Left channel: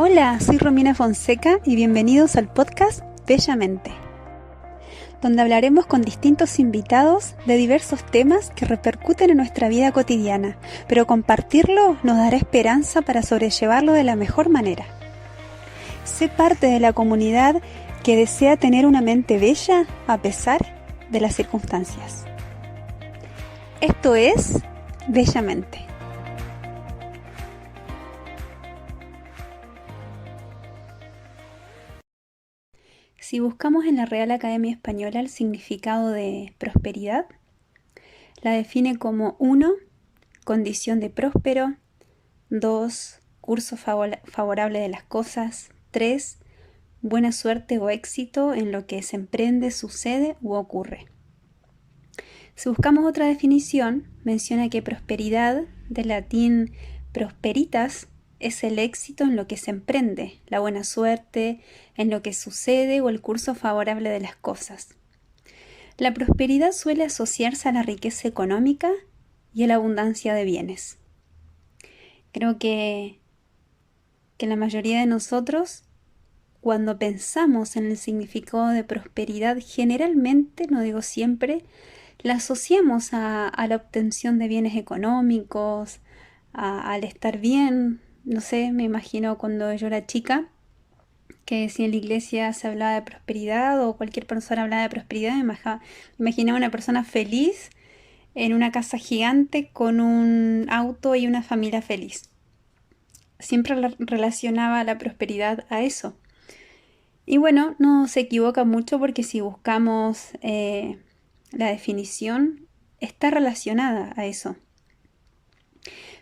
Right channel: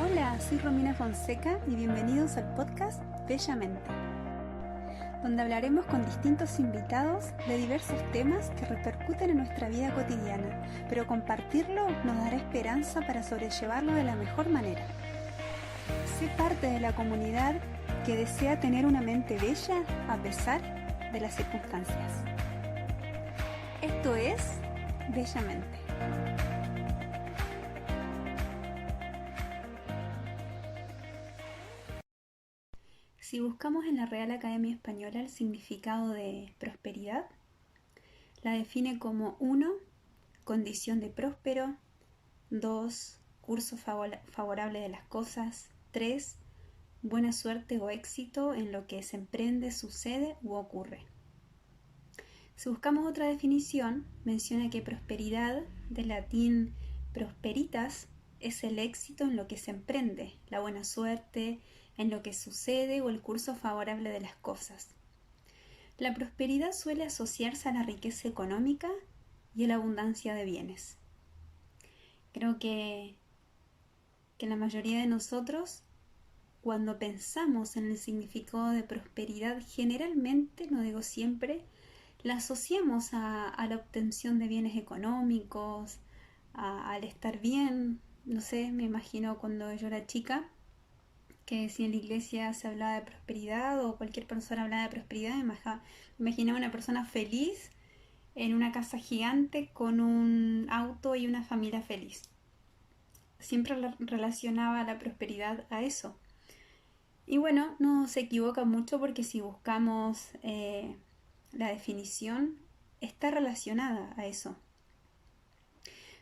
Hola, soy Romina Fonseca y bienvenidos al podcast Bellamente, donde hablaremos con distintos invitados de diversos temas que repercuten en nuestra vida cotidiana, pero compartirlo nos dará esperanza para sobrellevarlo de la mejor manera. Sé parte de la comunidad que desea tener una mente bella a pesar de las circunstancias. Esto es Bellamente. Si buscamos en la Real Academia Española el significado de prosperidad, la define como 1. Condición de próspero. 2. Curso favorable de las cosas. 3. Buena suerte o éxito en lo que se emprende, sucede u ocurre. Si buscamos otra definición, menciona que prosperidad, del latín prosperitas, es el éxito en lo que se emprende, la buena suerte, en lo que sucede o el curso favorable de las cosas. La prosperidad suele asociarse a la riqueza económica y a la abundancia de bienes. Creo que la mayoría de nosotros, cuando pensamos en el significado de prosperidad, generalmente, no digo siempre, la asociamos a la obtención de bienes económicos, al estar bien. No sé, me imagino cuando yo era chica, que si en la iglesia se hablaba de prosperidad o cualquier persona hablaba de prosperidad, me imaginaba una persona feliz en una casa gigante con un auto y una familia feliz. Siempre relacionaba la prosperidad a eso. Y bueno, no se equivoca mucho porque si buscamos la definición, está relacionada a eso.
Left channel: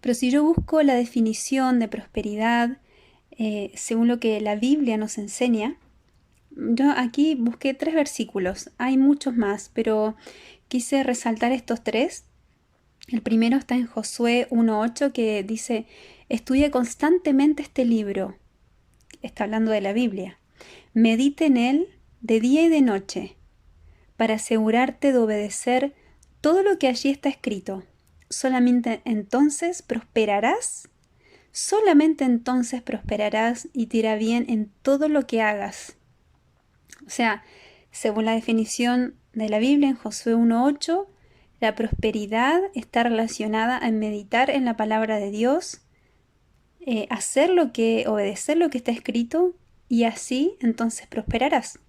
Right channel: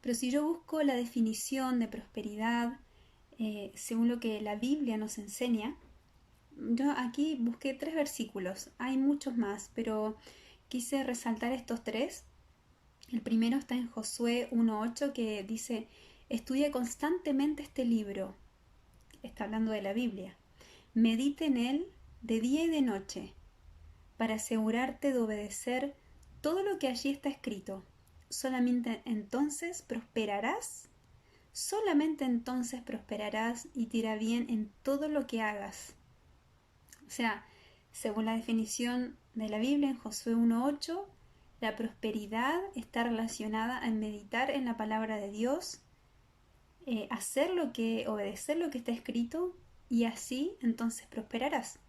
Pero si yo busco la definición de prosperidad según lo que la Biblia nos enseña, yo aquí busqué 3 versículos, hay muchos más, pero quise resaltar estos 3. El primero está en Josué 1:8 que dice: estudia constantemente este libro, está hablando de la Biblia, medite en él de día y de noche, para asegurarte de obedecer todo lo que allí está escrito. Solamente entonces prosperarás y te irá bien en todo lo que hagas. O sea, según la definición de la Biblia en Josué 1:8, la prosperidad está relacionada a meditar en la palabra de Dios, obedecer lo que está escrito, y así entonces prosperarás.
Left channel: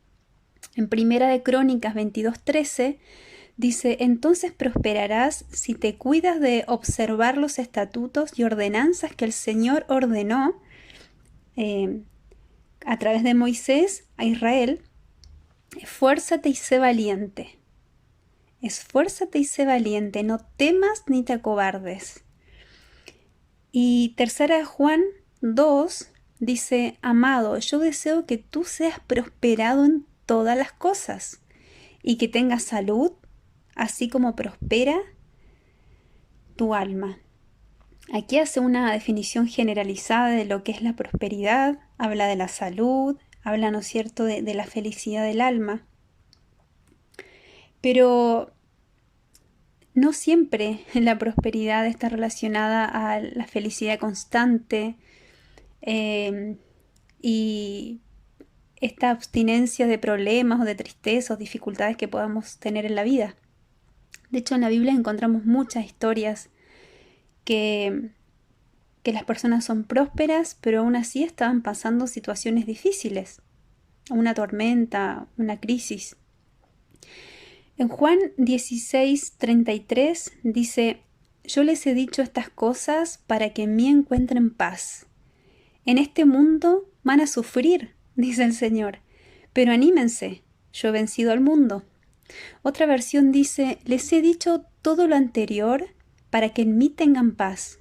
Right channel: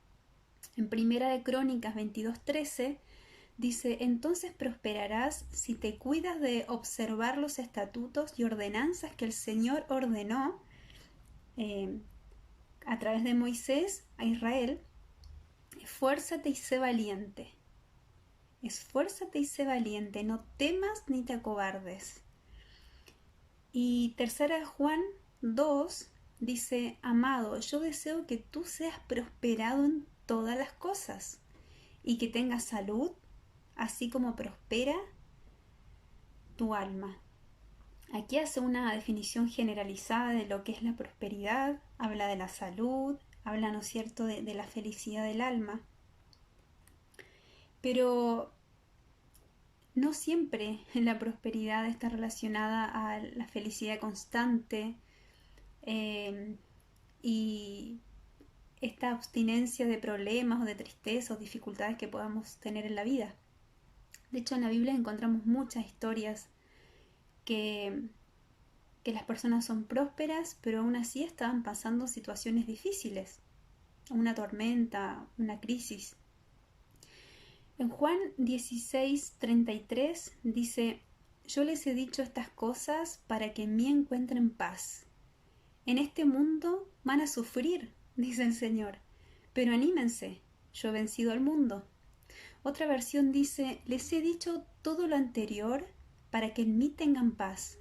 En Primera de Crónicas 22:13 dice: entonces prosperarás si te cuidas de observar los estatutos y ordenanzas que el Señor ordenó eh, a través de Moisés a Israel. Esfuérzate y sé valiente. Esfuérzate y sé valiente, no temas ni te acobardes. Y Tercera de Juan 2 dice: amado, yo deseo que tú seas prosperado en todas las cosas y que tengas salud, así como prospera tu alma. Aquí hace una definición generalizada de lo que es la prosperidad, habla de la salud, habla, ¿no es cierto?, de la felicidad del alma. Pero no siempre la prosperidad está relacionada a la felicidad constante y esta abstinencia de problemas o de tristezas o dificultades que podamos tener en la vida. De hecho, en la Biblia encontramos muchas historias que las personas son prósperas, pero aún así estaban pasando situaciones difíciles, una tormenta, una crisis. En Juan 16:33 dice: yo les he dicho estas cosas para que en mí encuentren paz. En este mundo van a sufrir, dice el Señor, pero anímense, yo he vencido al mundo. Otra versión dice: les he dicho todo lo anterior para que en mí tengan paz.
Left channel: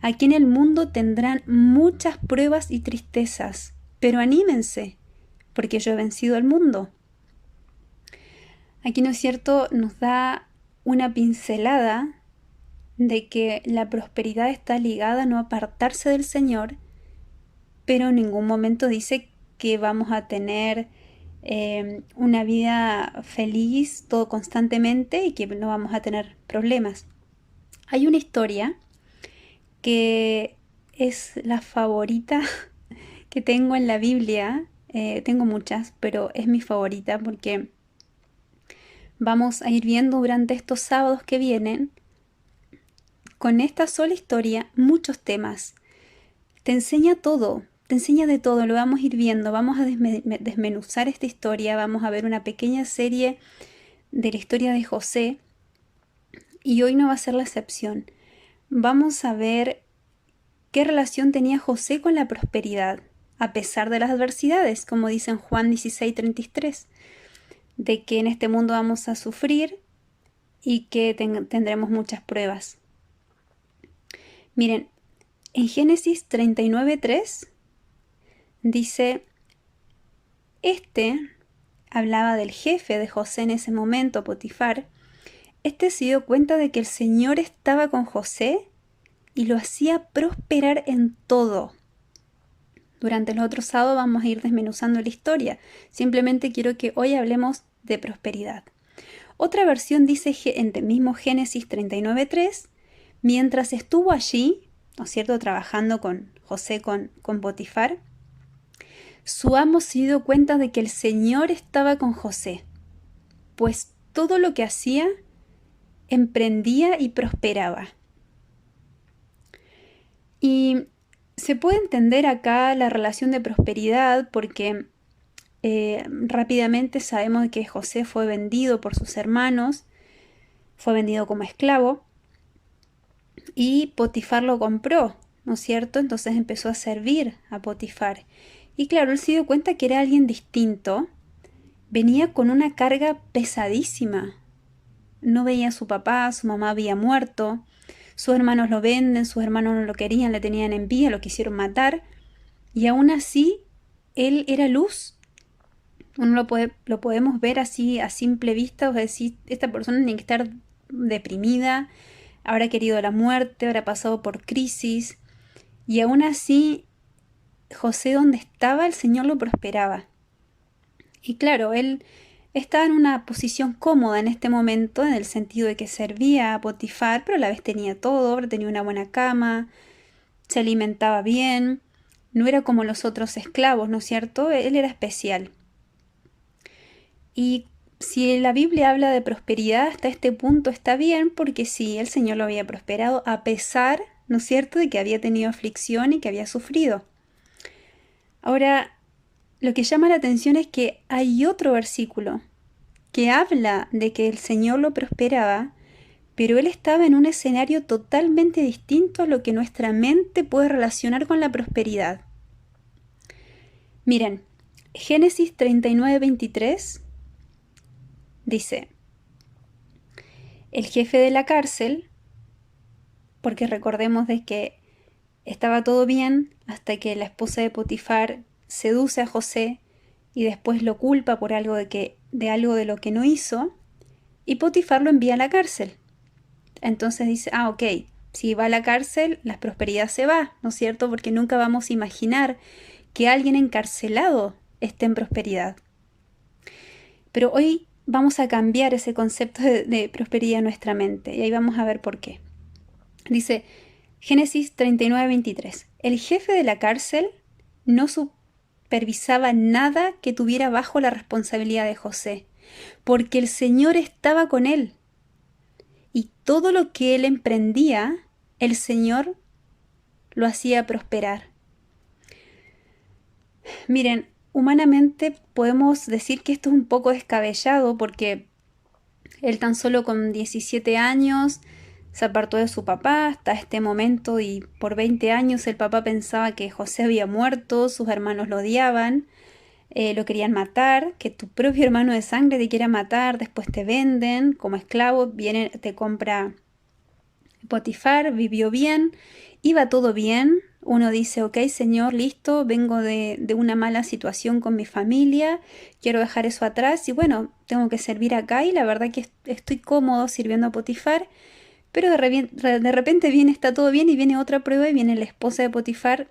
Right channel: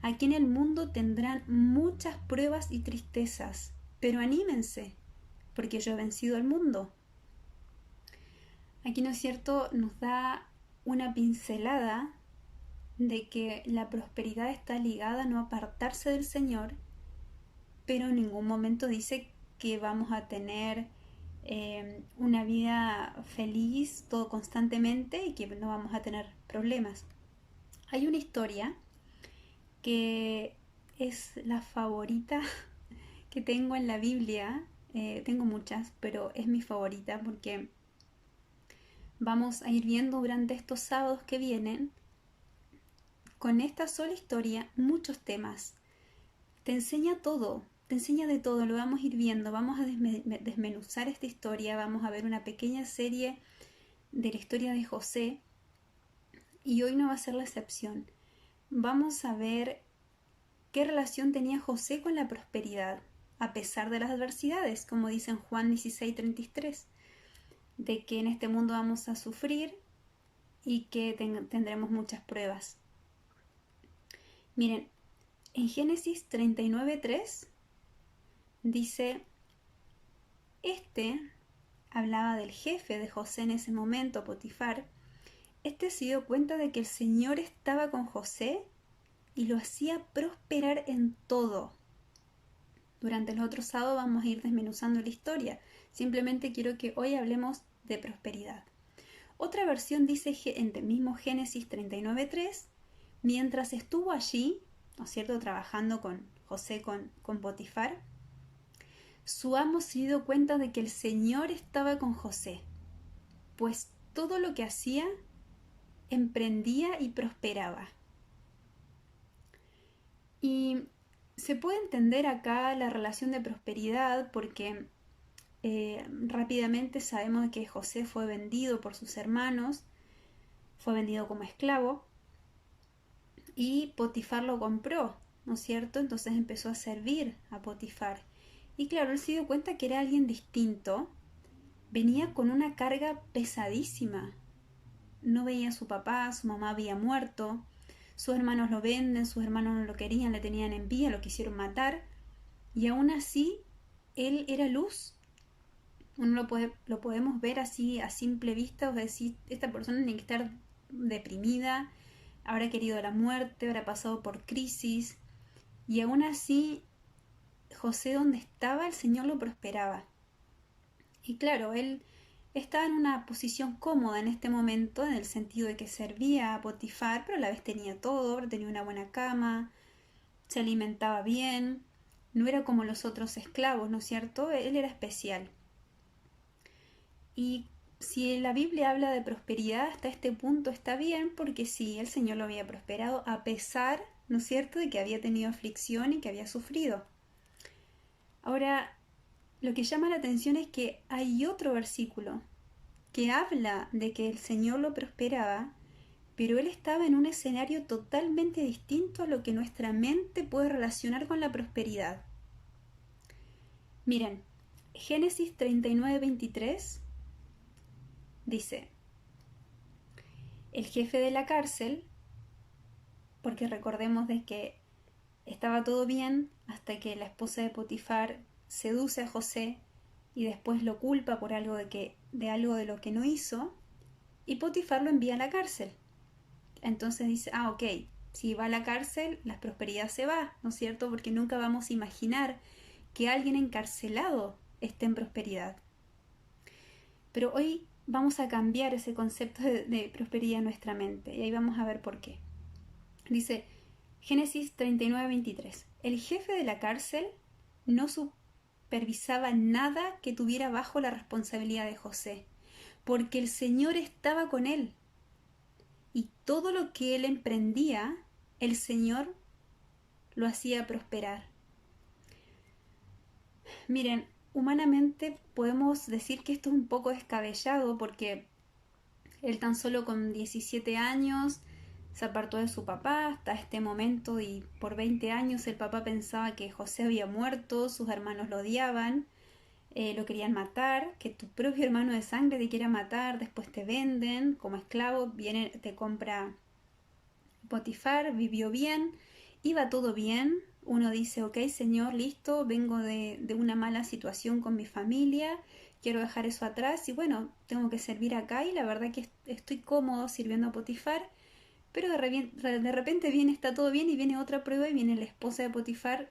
Aquí en el mundo tendrán muchas pruebas y tristezas, pero anímense, porque yo he vencido al mundo. Aquí, ¿no es cierto?, nos da una pincelada de que la prosperidad está ligada a no apartarse del Señor, pero en ningún momento dice que vamos a tener una vida feliz todo constantemente y que no vamos a tener problemas. Hay una historia que es la favorita que tengo en la Biblia, tengo muchas, pero es mi favorita porque vamos a ir viendo durante estos sábados que vienen, con esta sola historia, muchos temas. Te enseña todo, te enseña de todo, lo vamos a ir viendo, vamos a desmenuzar esta historia, vamos a ver una pequeña serie de la historia de José y hoy no va a ser la excepción. Vamos a ver qué relación tenía José con la prosperidad, a pesar de las adversidades, como dice en Juan 16:33, de que en este mundo vamos a sufrir y que tendremos muchas pruebas. Miren, en Génesis 39:3 dice, hablaba del jefe de José en ese momento, Potifar. Se dio cuenta de que el Señor estaba con José y lo hacía prosperar en todo. Durante los otros sábados vamos a ir desmenuzando la historia. Simplemente quiero que hoy hablemos de prosperidad. Otra versión dice en el mismo Génesis 39:3, mientras estuvo allí, ¿no es cierto?, trabajando con José, con Potifar, su amo se dio cuenta de que el Señor estaba con José, pues todo lo que hacía emprendía y prosperaba. Y se puede entender acá la relación de prosperidad porque rápidamente sabemos que José fue vendido por sus hermanos, fue vendido como esclavo y Potifar lo compró, ¿no es cierto? Entonces empezó a servir a Potifar. Y claro, él se dio cuenta que era alguien distinto, venía con una carga pesadísima. No veía a su papá, su mamá había muerto, sus hermanos lo venden, sus hermanos no lo querían, le tenían envidia, lo quisieron matar, y aún así él era luz. Uno lo podemos ver así a simple vista, o sea, decir, esta persona tiene que estar deprimida, habrá querido la muerte, habrá pasado por crisis, y aún así José donde estaba el Señor lo prosperaba. Y claro, él estaba en una posición cómoda en este momento, en el sentido de que servía a Potifar, pero a la vez tenía todo, tenía una buena cama, se alimentaba bien, no era como los otros esclavos, ¿no es cierto? Él era especial. Y si la Biblia habla de prosperidad hasta este punto está bien, porque sí, el Señor lo había prosperado a pesar, ¿no es cierto?, de que había tenido aflicción y que había sufrido. Ahora, lo que llama la atención es que hay otro versículo que habla de que el Señor lo prosperaba, pero él estaba en un escenario totalmente distinto a lo que nuestra mente puede relacionar con la prosperidad. Miren, Génesis 39:23 dice, el jefe de la cárcel, porque recordemos de que estaba todo bien hasta que la esposa de Potifar seduce a José y después lo culpa por algo de algo de lo que no hizo, y Potifar lo envía a la cárcel. Entonces dice, ok, si va a la cárcel, la prosperidad se va, ¿no es cierto? Porque nunca vamos a imaginar que alguien encarcelado esté en prosperidad. Pero hoy vamos a cambiar ese concepto de prosperidad en nuestra mente y ahí vamos a ver por qué. Dice Génesis 39:23, el jefe de la cárcel no supervisaba nada que tuviera bajo la responsabilidad de José, porque el Señor estaba con él. Y todo lo que él emprendía, el Señor lo hacía prosperar. Miren, humanamente podemos decir que esto es un poco descabellado porque él tan solo con 17 años se apartó de su papá hasta este momento y por 20 años el papá pensaba que José había muerto, sus hermanos lo odiaban, lo querían matar, que tu propio hermano de sangre te quiera matar, después te venden como esclavo, viene, te compra Potifar, vivió bien, iba todo bien. Uno dice, ok, Señor, listo, vengo de una mala situación con mi familia, quiero dejar eso atrás y bueno, tengo que servir acá y la verdad que estoy cómodo sirviendo a Potifar, pero de repente viene, está todo bien y viene otra prueba y viene la esposa de Potifar,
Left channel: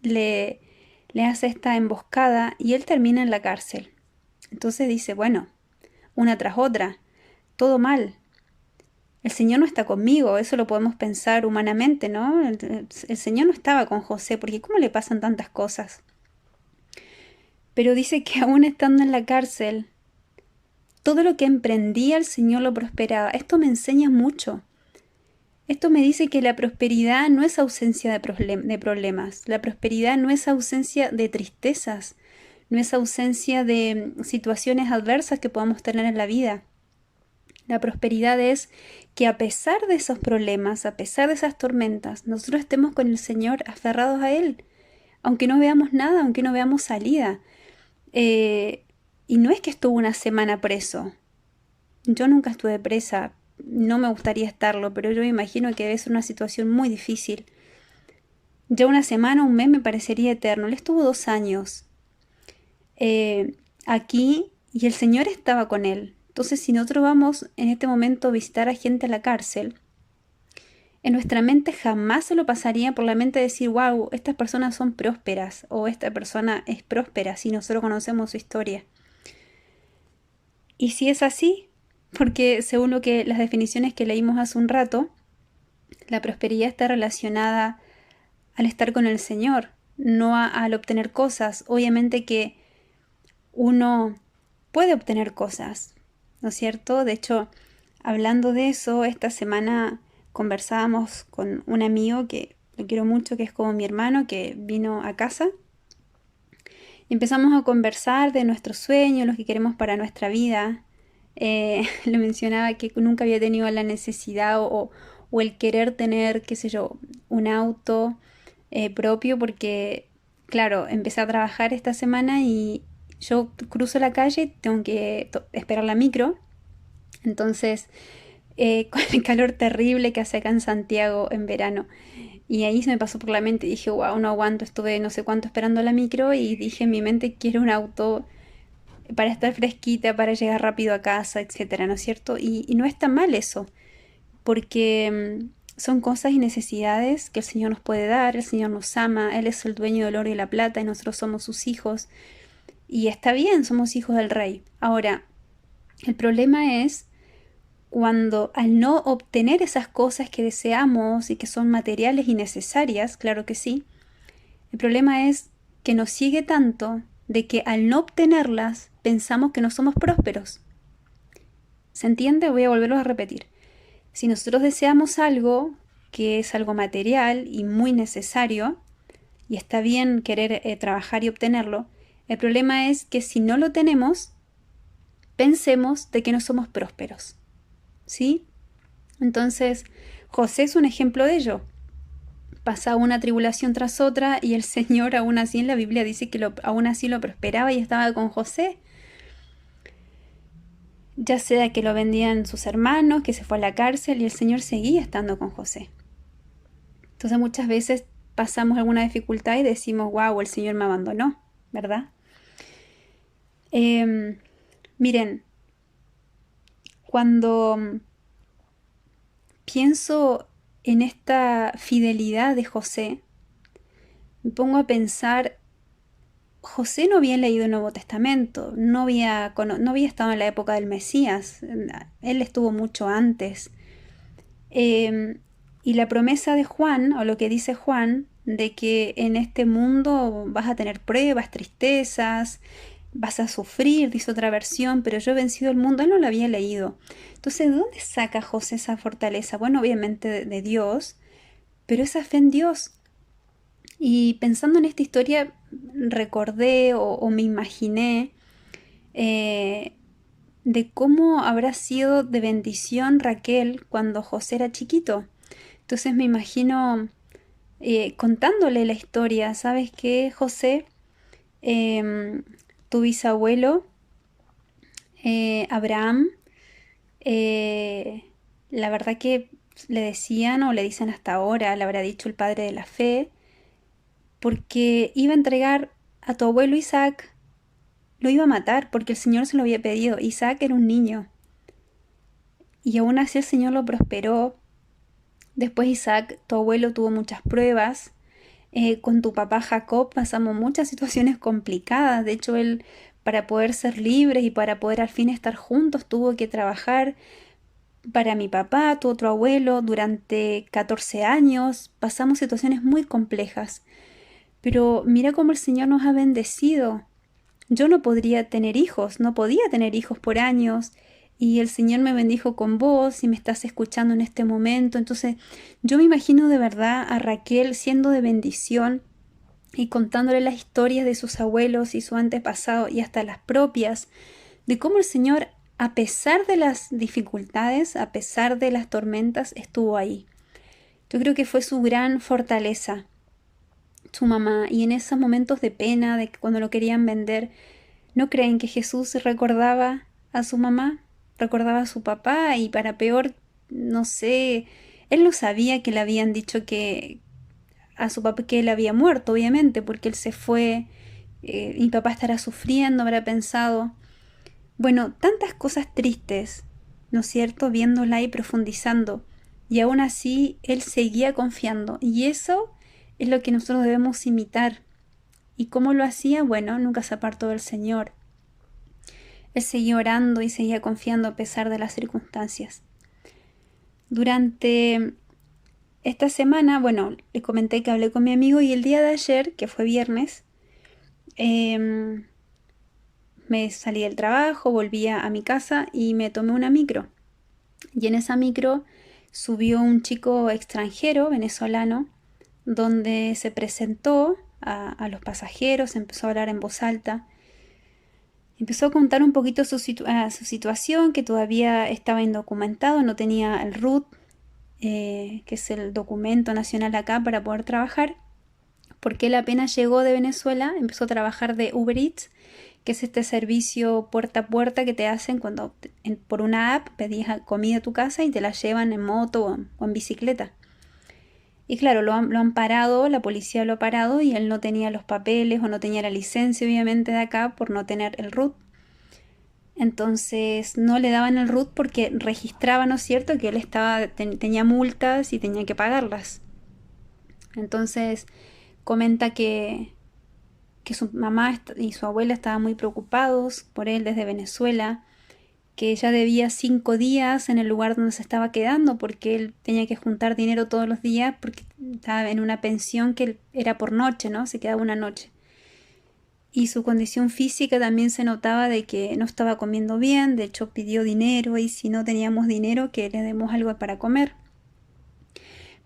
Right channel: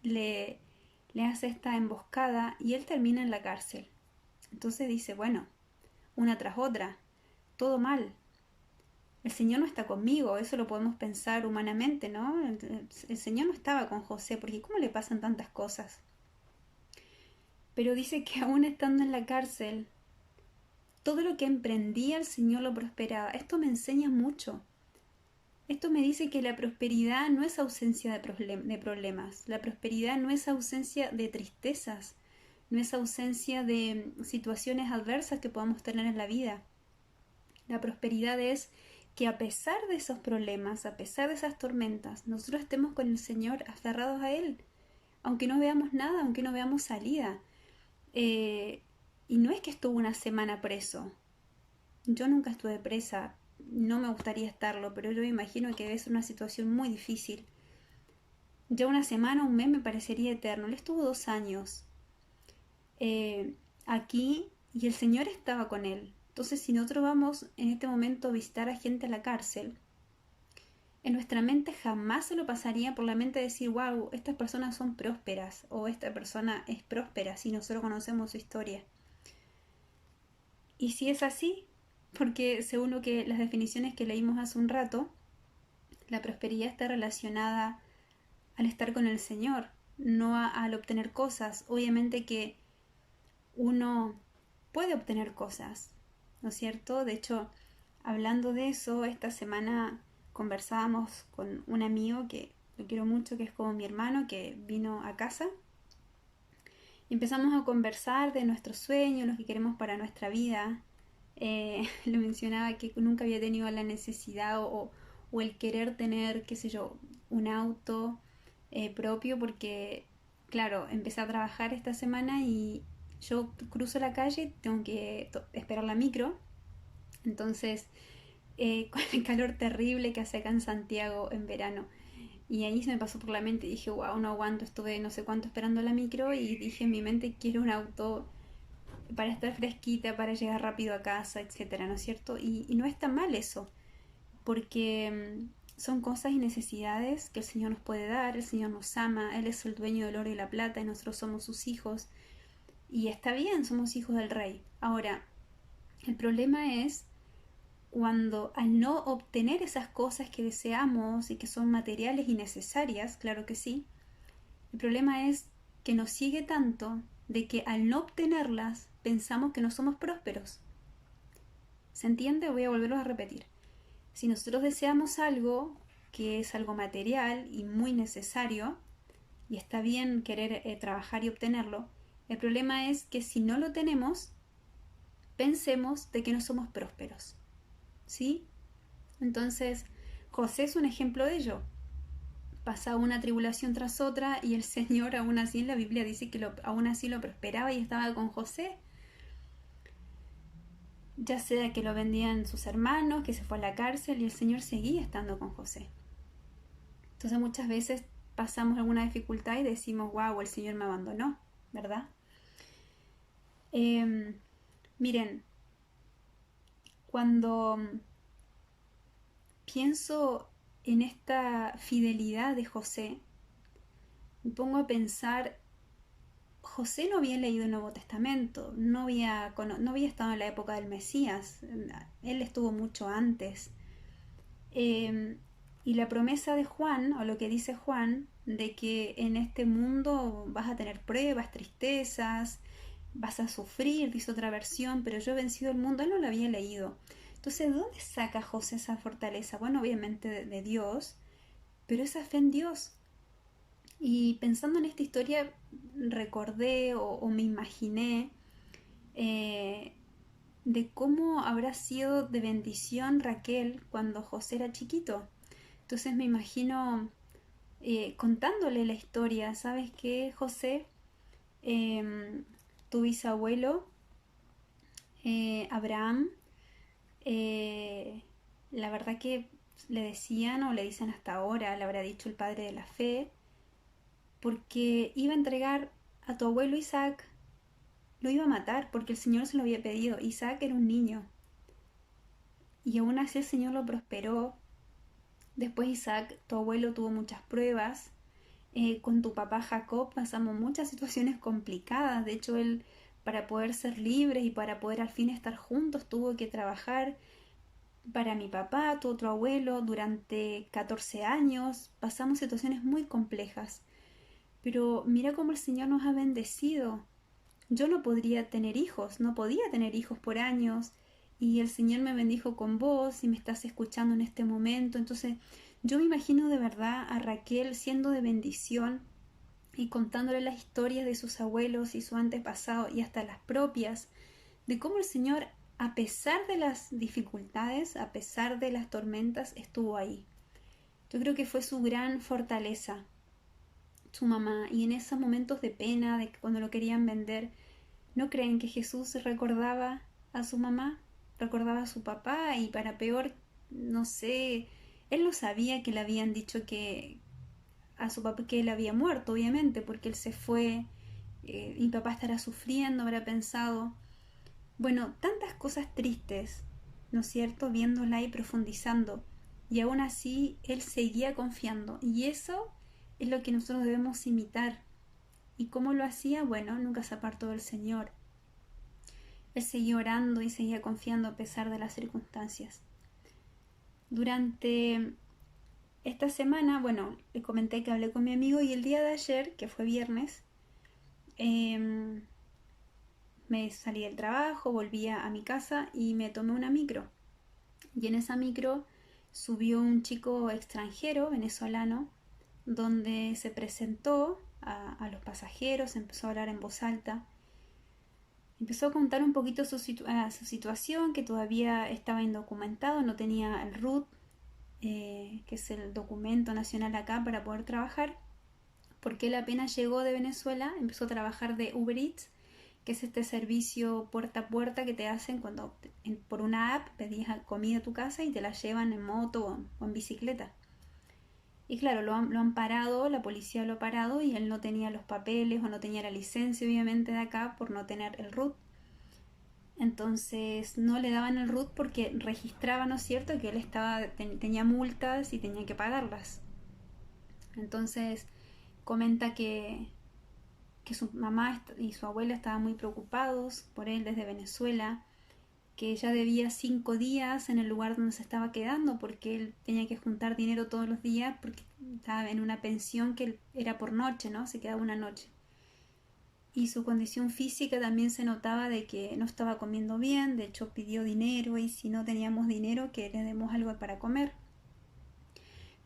le hace esta emboscada y él termina en la cárcel. Entonces dice, bueno, una tras otra, todo mal. El Señor no está conmigo, eso lo podemos pensar humanamente, ¿no? El Señor no estaba con José, porque ¿cómo le pasan tantas cosas? Pero dice que aún estando en la cárcel, todo lo que emprendía el Señor lo prosperaba. Esto me enseña mucho. Esto me dice que la prosperidad no es ausencia de problemas, la prosperidad no es ausencia de tristezas, no es ausencia de situaciones adversas que podamos tener en la vida. La prosperidad es que a pesar de esos problemas, a pesar de esas tormentas, nosotros estemos con el Señor aferrados a Él, aunque no veamos nada, aunque no veamos salida. Y no es que estuvo una semana preso. Yo nunca estuve presa, no me gustaría estarlo, pero yo me imagino que debe ser una situación muy difícil. Ya una semana, un mes me parecería eterno. Él estuvo 2 años aquí y el Señor estaba con él. Entonces, si nosotros vamos en este momento a visitar a gente a la cárcel, en nuestra mente jamás se lo pasaría por la mente decir, wow, estas personas son prósperas o esta persona es próspera si nosotros conocemos su historia. Y si es así, porque según las definiciones que leímos hace un rato, la prosperidad está relacionada al estar con el Señor, no al obtener cosas. Obviamente que uno puede obtener cosas, ¿no es cierto? De hecho, hablando de eso, esta semana conversábamos con un amigo que lo quiero mucho, que es como mi hermano, que vino a casa. Y empezamos a conversar de nuestros sueños, los que queremos para nuestra vida. Le mencionaba que nunca había tenido la necesidad o el querer tener, qué sé yo, un auto propio porque, claro, empecé a trabajar esta semana y yo cruzo la calle, tengo que esperar la micro. Entonces, con el calor terrible que hace acá en Santiago en verano. Y ahí se me pasó por la mente y dije, wow, no aguanto, estuve no sé cuánto esperando la micro y dije en mi mente, quiero un auto para estar fresquita, para llegar rápido a casa, etcétera, ¿no es cierto? Y no está mal eso, porque son cosas y necesidades que el Señor nos puede dar, el Señor nos ama, Él es el dueño del oro y la plata y nosotros somos sus hijos. Y está bien, somos hijos del Rey. Ahora, el problema es cuando al no obtener esas cosas que deseamos y que son materiales y necesarias, claro que sí, el problema es que nos sigue tanto de que al no obtenerlas pensamos que no somos prósperos. ¿Se entiende? Voy a volverlo a repetir. Si nosotros deseamos algo que es algo material y muy necesario, y está bien querer trabajar y obtenerlo, el problema es que si no lo tenemos, pensemos de que no somos prósperos. ¿Sí? Entonces, José es un ejemplo de ello. Pasaba una tribulación tras otra y el Señor aún así en la Biblia dice que aún así lo prosperaba y estaba con José. Ya sea que lo vendían sus hermanos, que se fue a la cárcel y el Señor seguía estando con José. Entonces muchas veces pasamos alguna dificultad y decimos, wow, el Señor me abandonó, ¿verdad? Miren, cuando pienso en esta fidelidad de José, me pongo a pensar, José no había leído el Nuevo Testamento, no había estado en la época del Mesías, él estuvo mucho antes. Y la promesa de Juan, o lo que dice Juan, de que en este mundo vas a tener pruebas, tristezas, vas a sufrir, dice otra versión, pero yo he vencido el mundo, él no lo había leído. Entonces, ¿de dónde saca José esa fortaleza? Bueno, obviamente de Dios, pero esa fe en Dios. Y pensando en esta historia, recordé o me imaginé de cómo habrá sido de bendición Raquel cuando José era chiquito. Entonces me imagino contándole la historia. ¿Sabes qué, José? Tu bisabuelo, Abraham, eh, la verdad que le decían o le dicen hasta ahora, le habrá dicho el padre de la fe, porque iba a entregar a tu abuelo Isaac, lo iba a matar porque el Señor se lo había pedido. Isaac era un niño y aún así el Señor lo prosperó. Después Isaac, tu abuelo, tuvo muchas pruebas. Con tu papá Jacob pasamos muchas situaciones complicadas. De hecho, él, para poder ser libres y para poder al fin estar juntos, tuvo que trabajar para mi papá, tu otro abuelo, durante 14 años. Pasamos situaciones muy complejas. Pero mira cómo el Señor nos ha bendecido. yo no podría tener hijos, no podía tener hijos por años, y el Señor me bendijo con vos y me estás escuchando en este momento. Entonces yo me imagino de verdad a Raquel siendo de bendición y contándole las historias de sus abuelos y su antepasado y hasta las propias, de cómo el Señor, a pesar de las dificultades, a pesar de las tormentas, estuvo ahí. Yo creo que fue su gran fortaleza, su mamá, y en esos momentos de pena, de que cuando lo querían vender, ¿no creen que Jesús recordaba a su mamá? Recordaba a su papá y para peor, no sé, él no sabía que le habían dicho que a su papá que él había muerto, obviamente, porque él se fue, mi papá estará sufriendo, habrá pensado. Bueno, tantas cosas tristes, ¿no es cierto? Viéndola y profundizando. Y aún así, él seguía confiando. Y eso es lo que nosotros debemos imitar. ¿Y cómo lo hacía? Bueno, nunca se apartó del Señor. Él seguía orando y seguía confiando a pesar de las circunstancias. Durante esta semana, bueno, les comenté que hablé con mi amigo y el día de ayer, que fue viernes, me salí del trabajo, volví a mi casa y me tomé una micro. Y en esa micro subió un chico extranjero, venezolano, donde se presentó a los pasajeros, empezó a hablar en voz alta. Empezó a contar un poquito su situación, que todavía estaba indocumentado, no tenía el RUT, que es el documento nacional acá para poder trabajar, porque él apenas llegó de Venezuela, empezó a trabajar de Uber Eats, que es este servicio puerta a puerta que te hacen cuando por una app pedís comida a tu casa y te la llevan en moto o en bicicleta. Y claro, lo han parado, la policía lo ha parado y él no tenía los papeles o no tenía la licencia obviamente de acá por no tener el RUT. Entonces no le daban el RUT porque registraba, ¿no es cierto?, que él tenía multas y tenía que pagarlas. Entonces comenta que su mamá y su abuela estaban muy preocupados por él desde Venezuela, que ya debía 5 días en el lugar donde se estaba quedando porque él tenía que juntar dinero todos los días porque estaba en una pensión que era por noche, ¿no? Se quedaba una noche. Y su condición física también se notaba de que no estaba comiendo bien, de hecho pidió dinero y si no teníamos dinero que le demos algo para comer.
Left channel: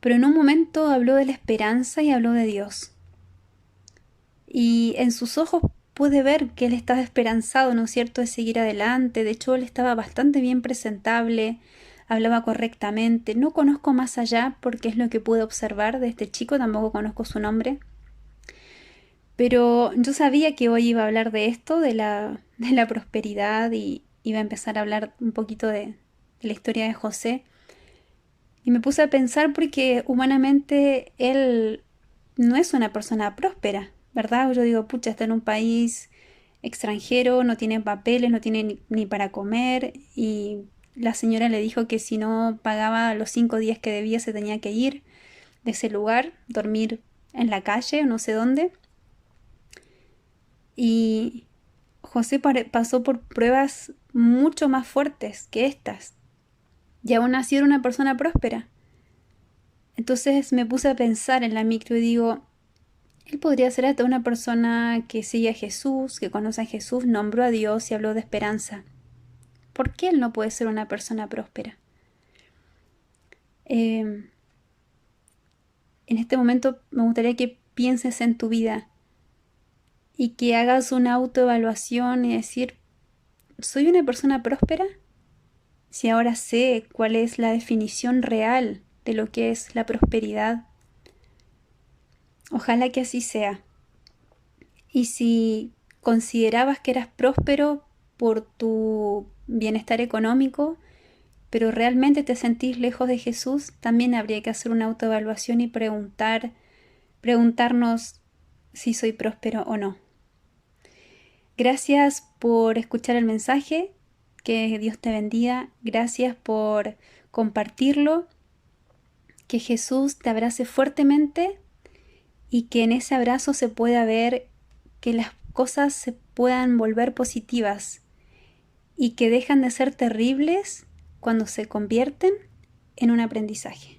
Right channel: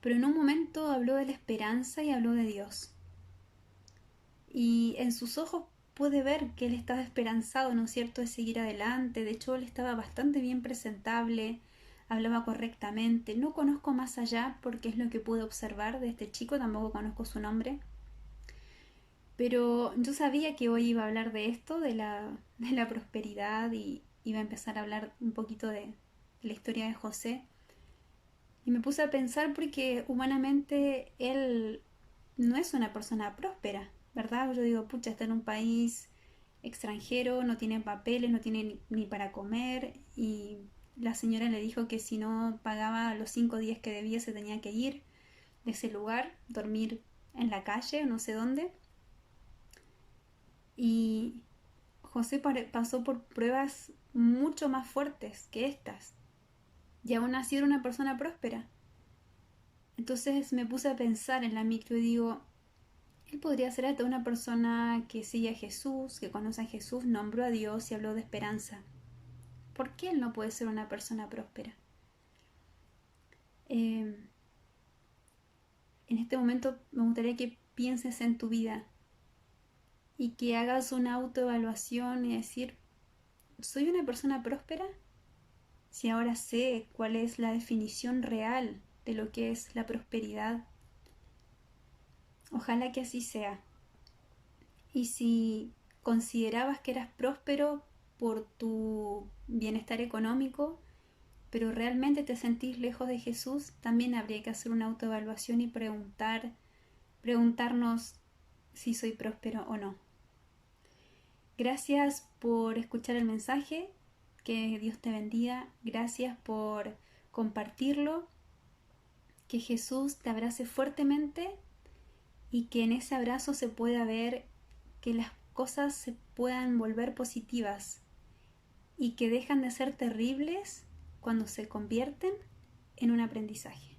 Pero en un momento habló de la esperanza y habló de Dios. Y en sus ojos pude ver que él estaba esperanzado, ¿no es cierto?, de seguir adelante. De hecho, él estaba bastante bien presentable, hablaba correctamente. No conozco más allá porque es lo que pude observar de este chico, tampoco conozco su nombre. Pero yo sabía que hoy iba a hablar de esto, de la prosperidad, y iba a empezar a hablar un poquito de la historia de José. Y me puse a pensar porque humanamente él no es una persona próspera, ¿verdad? Yo digo, pucha, está en un país extranjero, no tiene papeles, no tiene ni para comer, y la señora le dijo que si no pagaba los 5 días que debía se tenía que ir de ese lugar, dormir en la calle o no sé dónde. Y José pasó por pruebas mucho más fuertes que estas, y aún así era una persona próspera. Entonces me puse a pensar en la micro y digo, él podría ser hasta una persona que sigue a Jesús, que conoce a Jesús, nombró a Dios y habló de esperanza. ¿Por qué él no puede ser una persona próspera? En este momento me gustaría que pienses en tu vida y que hagas una autoevaluación y decir, ¿soy una persona próspera? Si ahora sé cuál es la definición real de lo que es la prosperidad, ojalá que así sea. Y si considerabas que eras próspero por tu bienestar económico, pero realmente te sentís lejos de Jesús, también habría que hacer una autoevaluación y preguntarnos si soy próspero o no. Gracias por escuchar el mensaje, que Dios te bendiga, gracias por compartirlo, que Jesús te abrace fuertemente y que en ese abrazo se pueda ver que las cosas se puedan volver positivas y que dejan de ser terribles cuando se convierten en un aprendizaje.